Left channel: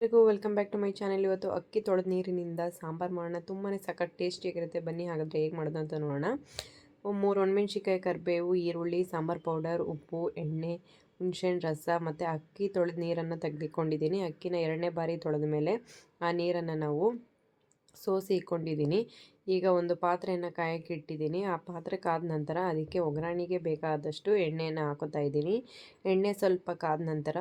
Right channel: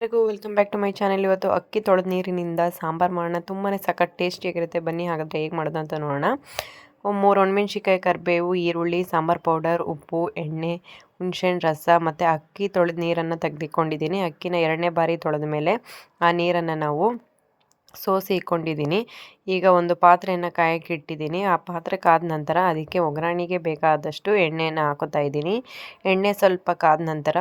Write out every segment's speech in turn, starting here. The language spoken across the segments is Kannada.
ಎಲ್ಲರಿಗೂ welcome back to my channel. ಇವತ್ತು ಅಕ್ಕಿ ತೊಳೆದ ನೀರಿನಿಂದ ಸಾಂಬಾರು ಮಾಡೋಣ. ತುಂಬಾ ಸಖತ್ ಟೇಸ್ಟಿಯಾಗಿರುತ್ತೆ. ಬನ್ನಿ ಹಾಗಾದರೆ ಹೇಗೆ ಮಾಡೋದು ಅಂತ ನೋಡೋಣ. ಮೂರು ಒಣಮೆಣ್ಸಿಕಾಯಿ ಕರಿಬೇವು, ಈರುಳ್ಳಿ, ಸಾಂಬಾರು ಪೌಡರ್, ಉಪ್ಪು, ಎಣ್ಣೆ, ಹುಣ್ಸೆಹಣ್ಣು, ರಸ ಮತ್ತು ಅಕ್ಕಿ ತೊಳೆದ ನೀರನ್ನು ತೆಗೆದುಕೊಂಡಿದ್ದೀನಿ. ಅಕ್ಕಿನ ಎರಡನೇ ಬಾರಿ ತೊಳೆದ ಮೇಲೆ ಆ ನೀರನ್ನು ನಾವು ಸೋಸಿ ಇಕ್ಕೊಂಡಿದ್ದೀನಿ. ಈಗ ಒಂದು ಪಾತ್ರೆಯನ್ನು ಕಾಯಕ್ಕೆ ಇಟ್ಟಿದ್ದೀನಿ. ಆ ಪಾತ್ರೆ ಕಾದ ನಂತರ ಅದಕ್ಕೆ ಒಗ್ಗರಣೆಗೆ ಬೇಕಾದಷ್ಟು ಎಣ್ಣೆಯನ್ನು ಹಾಕೋತಾ ಇದ್ದೀನಿ. ಎಣ್ಣೆ ಸ್ವಲ್ಪ ಕಾದ ನಂತರ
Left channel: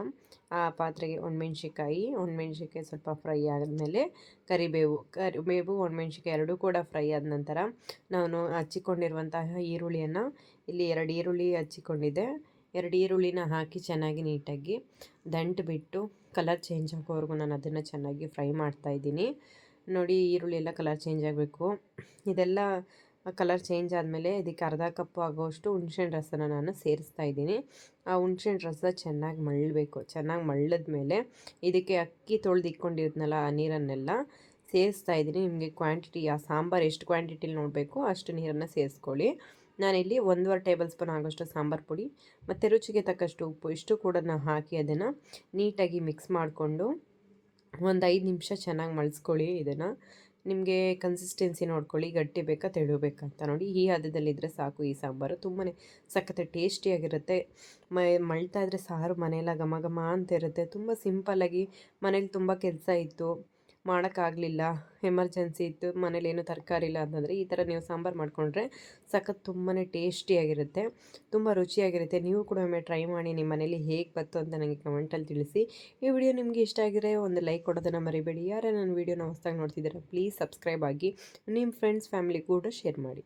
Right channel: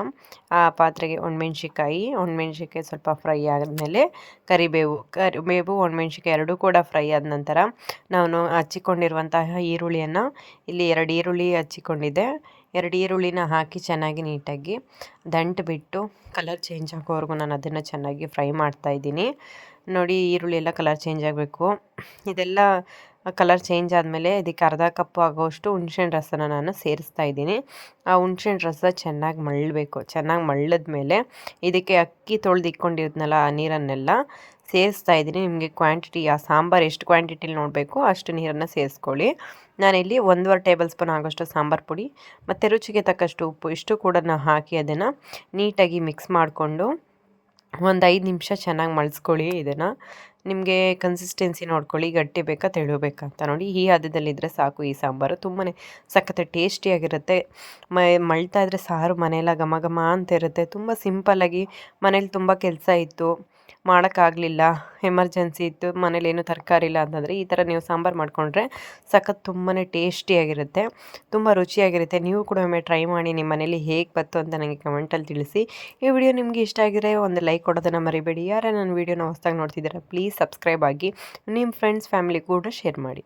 ಆ ಪಾತ್ರೆಗೆ ಒಣಮೆಣ್ಸಿಕಾಯಿ ಒಣಮೆಣ್ಸಿಕಾಯಿ ಸ್ವಲ್ಪ ಫ್ರೈ ಆದಮೇಲೆ ಕರಿಬೇವು ಕರಿಬೇವು ಒಣಮೆಣ್ಸಿಕಾಯಿ ಎರಡೂ ಕೂಡ ಫ್ರೈ ಆದ ನಂತರ ನಾನು ಹಚ್ಚಿಕೊಂಡಿರುವಂತಹ ಈರುಳ್ಳಿಯನ್ನು ಇಲ್ಲಿ ಎರಡು ಈರುಳ್ಳಿ ಹಚ್ಚಿಕೊಂಡಿದ್ದೆ. ಎರಡು ಈರುಳ್ಳಿನ ಹಾಕಿ ಚೆನ್ನಾಗಿ ನೀಟಾಗಿ ದಂಟು ಬಿಟ್ಟು ಕಲರ್ ಚೇಂಜ್ ಆಗೋವರೆಗೂ ನಾನು ಅದನ್ನು ಚೆನ್ನಾಗಿ ಫ್ರೈ ಮಾಡ್ತಾಯಿದ್ದೀನಿ ನೋಡಿ ಈರುಳ್ಳಿ ಎಲ್ಲ ಕಲರ್ ಚೇಂಜ್ ಆಗಬೇಕು. ಇದೆಲ್ಲ ಕಲರ್ ಚೇಂಜ್ ಆದಮೇಲೆ ಇದಕ್ಕೆ ಅರ್ಧ ಕಪ್ಪು ಆಗೋಷ್ಟು ಹುಣ್ಸೆಹಣ್ಣು ರಸನ ನಾನು ಸೇರಿಸ್ತಾ ಇದ್ದೀನಿ. ಆ ಹುಣ್ಸೆಹಣ್ಣು ರಸ ಚೆನ್ನಾಗಿ ಮಳ್ಳಬೇಕು. ಚೆನ್ನಾಗಿ ಮಳ್ಳದ ಮೇಲೆ ಇದಕ್ಕೆ ಅಕ್ಕಿ ತೊಳೆದು ಇಟ್ಕೊಂಡಿದ್ನಲ್ಲ ಆ ನೀರನ್ನೆಲ್ಲ ಸೇರಿಸ್ತಾ ಇದ್ದೀನಿ. ನಿಮಗೆ ಕ್ವಾಂಟಿಟಿ ಆ ಸಾಂಬಾರು ಎಷ್ಟು ಕ್ವಾಂಟಿಟಿಲಿ ನೋಡಬೇಕು ಅಷ್ಟು ನೀರನ್ನು ಸೇರಿಸ್ಕೊಳ್ಳಿ. ನಾನಿಲ್ಲಿ ಒಂದೂವರೆ ಟೇಬಲ್ ಸ್ಪೂನ್ ಆಗೋಷ್ಟು ಸಾಂಬಾರು ಪುಡಿ, ಮತ್ತು ರುಚಿಗೆ ತಕ್ಕಷ್ಟು ಉಪ್ಪು, ಇಷ್ಟು ಕೂಡ ಹಾಕಿ ಅದನ್ನು ನೀಟಾಗಿ ಮಿಕ್ಸ್ ಮಾಡಿಕೊಂಡು ಒಂದು ಐದು ನಿಮಿಷ ಚೆನ್ನಾಗಿ ಮಳ್ಸ್ಕೊಳ್ಳಿ ಇದನ್ನು. ನಿಮಗೆ ಕನ್ಸಿಸ್ಟೆನ್ಸಿ ನೋಡ್ಕೊಳ್ಳಿ, ಗಟ್ಟಿ ಬೇಕಾ ತೆಳು ಅಂತ ನೋಡಿ. ಈ ಹದದಲ್ಲಿದ್ದರೆ ಸಾಕು ಈ ಸಾಂಬಾರು. ತುಂಬಾ ಸಖತ್ತೆ ಟೇಸ್ಟಿಯಾಗಿರುತ್ತೆ. ಮಳ್ತಾ ಇದ್ದರೆ ಸಾರು ಮನೆಯೆಲ್ಲ ಘಮ ಘಮ ಅಂತ ಇರುತ್ತೆ. ತುಂಬ ಸಿಂಪಲ್ಲಾಗಿ ಮನೇಲಿ ತುಂಬ ಕೆಲಸ ಇತ್ತು. ಮಾಡೋಕ್ಕಾಗಲಿಲ್ಲ. ಎಮರ್ಜೆನ್ಸಿ ಇತ್ತು, ಮನೇಲಿ ಏನು ತರಕಾರಿ ಇಲ್ಲ ಅಂತಂದರೆ ಈ ಥರ ನೀವು ಸಾಂಬಾರು ಮಾಡಿಕೊಂಡ್ರೆ ಸಖತ್ ತುಂಬಾ ಟೇಸ್ಟಿಯಾಗಿರುತ್ತೆ, ತುಂಬ ರುಚಿಯಾಗಿರುತ್ತೆ. ನೀವು ಕೂಡ ಒಮ್ಮೆ ಟ್ರೈ ಮಾಡಿ, ನಿಮ್ಮ ಮನೇಲಿ ಹೇಗೆ ಬಂತು ಅಂತ ನನಗೆ ಕಮೆಂಟಲ್ಲಿ ತಿಳಿಸಿ. ಈ ವಿಡಿಯೋ ನಿಮಗೆ ಇಷ್ಟ ಆಗಿದ್ರೆ ಒಂದು ಲೈಕ್ ಕೊಡೋದನ್ನು ಮರಿಬೇಡಿ. ಯಾರೇ ನನ್ನ ವೀಡಿಯೋನ ಹೊಸ್ದಾಗಿ ನೋಡ್ತಿದ್ದೀರಾ, ಪ್ಲೀಸ್ ಸಬ್ಸ್ಕ್ರೈಬ್ ಆಗಿ, ನಿಮ್ಮ ಫ್ರೆಂಡ್ಸ್ ಫ್ಯಾಮಿಲಿ ಕೂಡ ಶೇರ್ ಮಾಡಿ.